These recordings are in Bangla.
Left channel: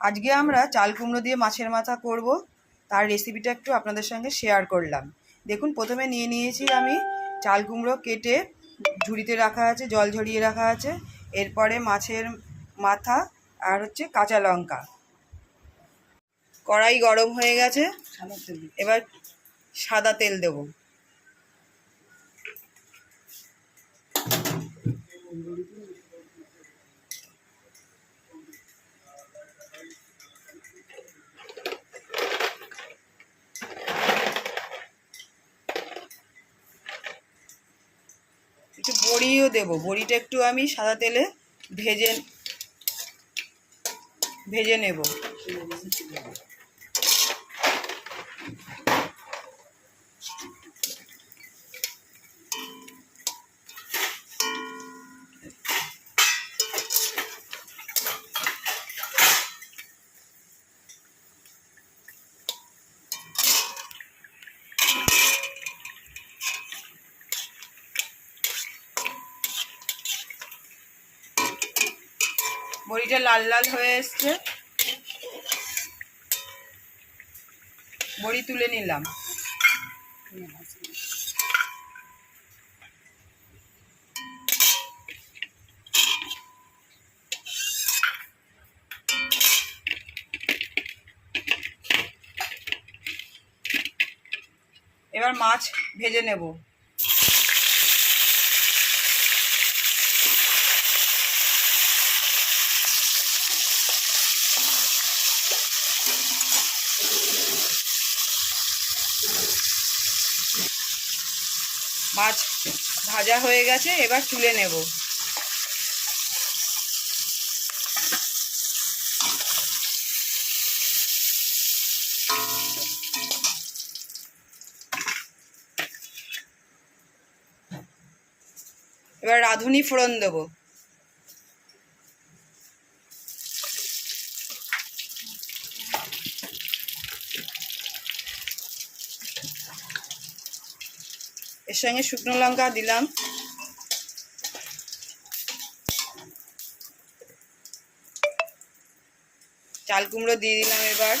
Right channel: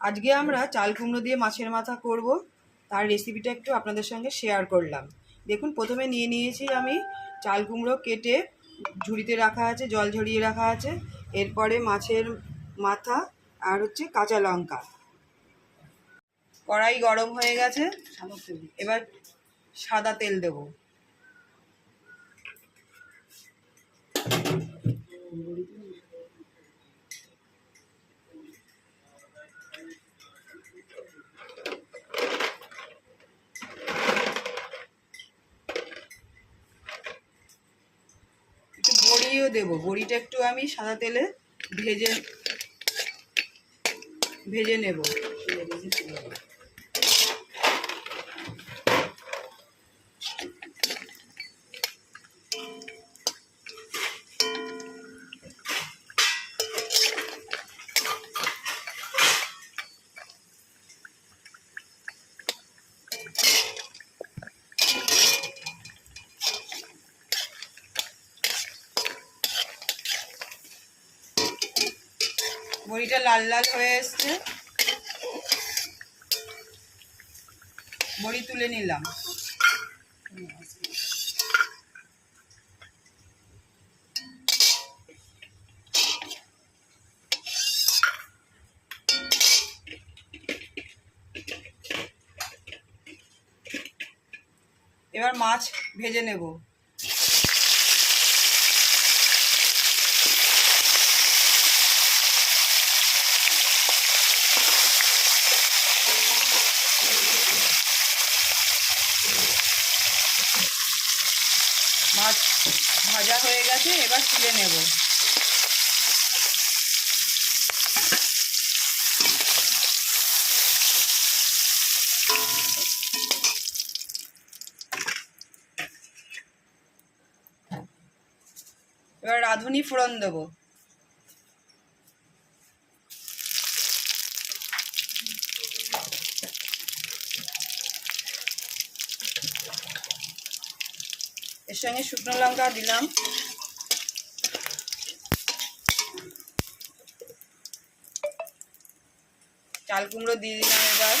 আজকে আমরা চাল কুমড়ো দিয়ে মাছের মাথা করব, তার রেসিপিটা একটু আপনাদের সঙ্গে শেয়ার করলাম। দেখুন, প্রথমে নিয়েছি আমি চাল কুমড়ো, কেটে ঝুড়িতে রাখা আছে, জল ঝরিয়ে রাখা আছে। এরপরে মাছের মাথা আর কাঁচা লঙ্কা। কড়াই গরম হয়ে গেছে, এবার সাদা তেল দেবো। একটু বড়িও দেবো, বড়িটা একটু আমি সাদা তেলে ভেজে নেব। বড়িটা লাল লাল হয়ে এসছে, বড়ি তুলে নিলাম। এবার মাছ ভেজে নেব। মাছ ভাজা হয়ে গেছে, এবার তুলে নেব। এবার রাঁধুনি ফোড়ন দেব। এর সঙ্গে শুকনো লঙ্কা দিলাম, চাল কুমড়ো দিয়ে দিলাম। এবার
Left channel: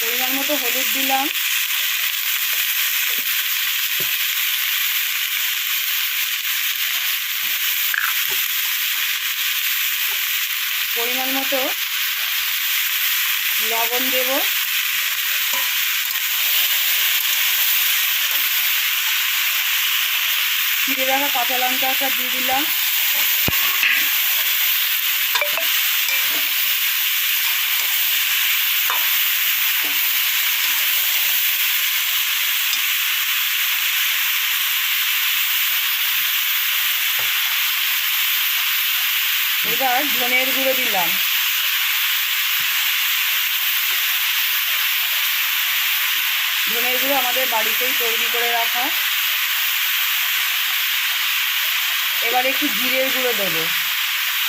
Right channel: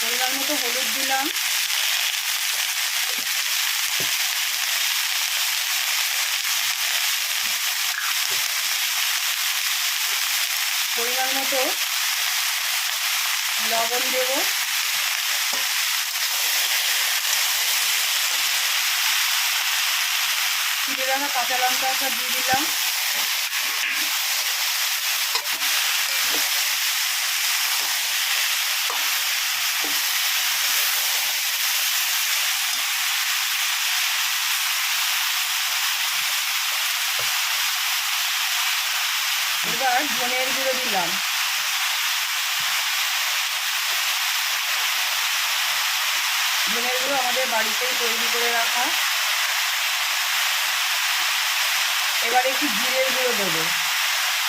পরিমাণ মতো হলুদ দিলাম, পরিমাণ মতো লবণ দেব, চিড়ে রাখা কাঁচা লঙ্কা একটা দিয়ে দিলাম। এবার ধনের গুঁড়ো দিলাম, ধনের গুঁড়ো আমাদের বাড়িতেই তৈরি করে রাখা। এবার একটু জিরের গুঁড়ো দেবো,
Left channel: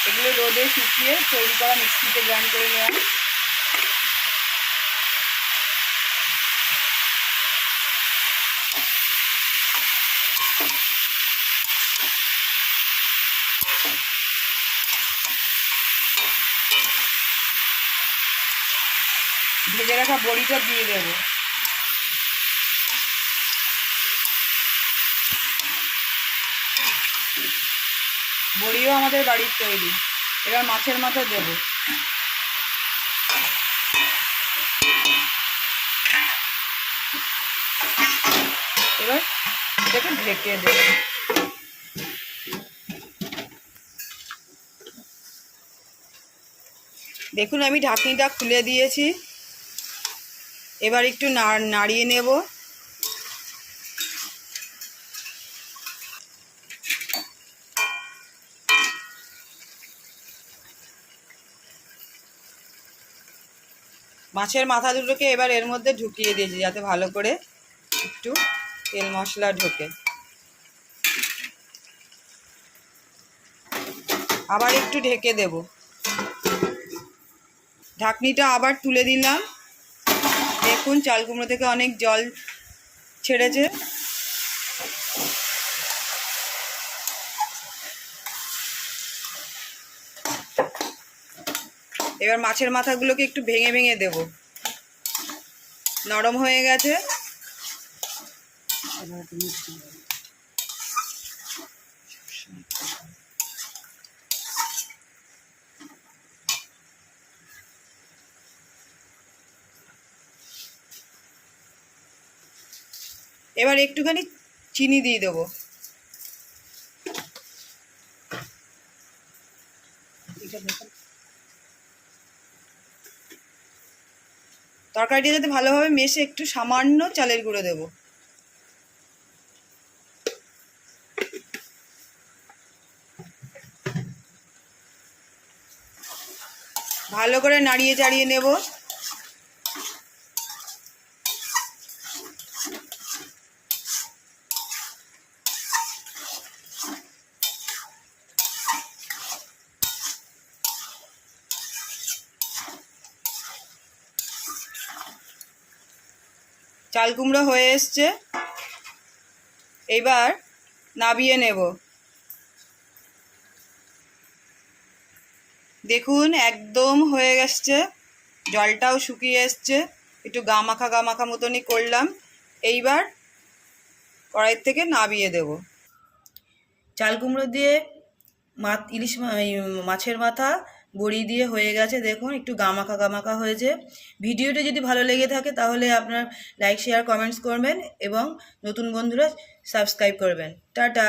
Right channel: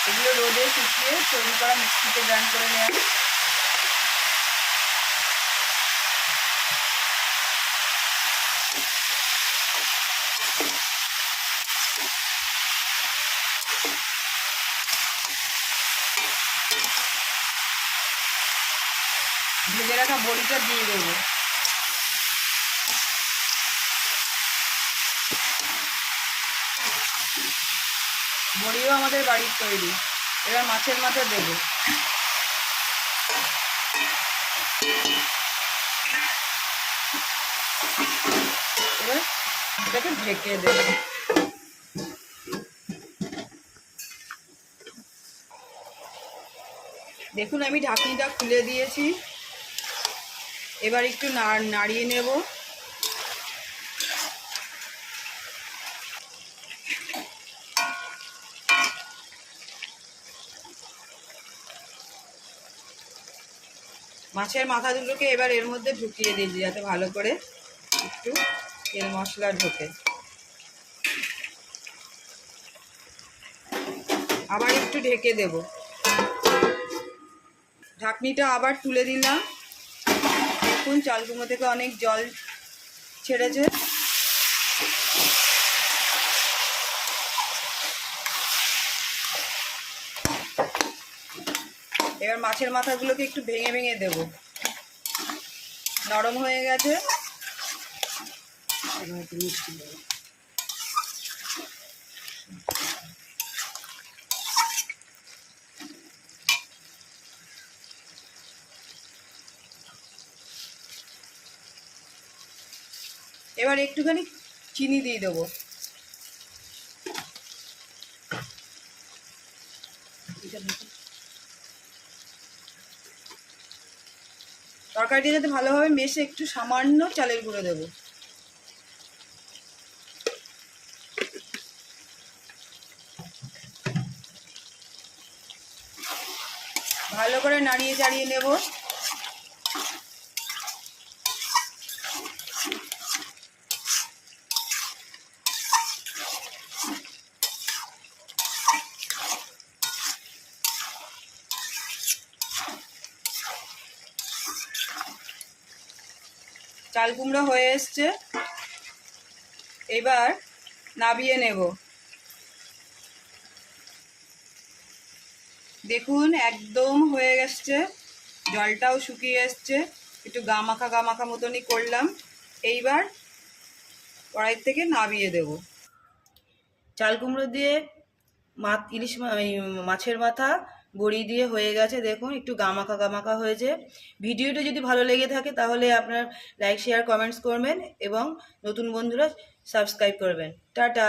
এগুলো রোদে শুকিয়ে তৈরি করা, মিক্সিতে গ্রাইন্ড করে নেওয়া। ভেজে রাখা বড়িটা দিয়ে দেবো। বড়িও আমাদের বাড়ির তৈরি। এবার মাছের মাথা দেবো, এবার এটাকে ঢেকে দেবো। দেখুন, আমি ঢাকনিটা খুলে দিয়েছি। এবার একটু নাড়িয়ে নেব। মাছের মাথা দুটোকে এবার এর মধ্যে ঢুকিয়ে দিয়েছি, যাতে ভালো করে একটু তেল মশলা ঢোকে। আবার একটু ঢেকে দেব। ঢাকনিটা আবার তুলে দিলাম। দেখুন চাল কুমড়ো থেকে অনেক জল ছেড়েছে। এবার মাছের মাথাগুলোকে একটু ভেঙে ভেঙে দেব। নরম হয়ে গেছে। এবার একটুখানি চিনি দিয়ে দেবো। তরকারিটা যাতে ভালোভাবে মেশে একটু সামান্য চালের গুঁড়ো দেবো। ভালো করে নাড়িয়ে চাড়িয়ে নেব। চাল কুমড়ো হয়ে এসছে, এবার নাবিয়ে নেব। দেখুন একদম হয়ে গেছে, জলটাও শুকিয়ে এসছে, একটু গামাখা গামাখা মতনই করলাম। এইবার কড়াইয়ের থেকে নাবিয়ে দেব। চাল কুমড়ো দিয়ে ইলিশ মাছের মাথা বড়ি দিয়ে হয়ে গেছে। দেখুন একটু গামাখা গামাখা হয়েছে। ভিডিওটা যদি ভালো লেগে থাকে তাহলে আপনার লাইক শেয়ার কমেন্টস করবেন এবং নতুন বন্ধুরা সাবস্ক্রাইব করবেন। টাটা।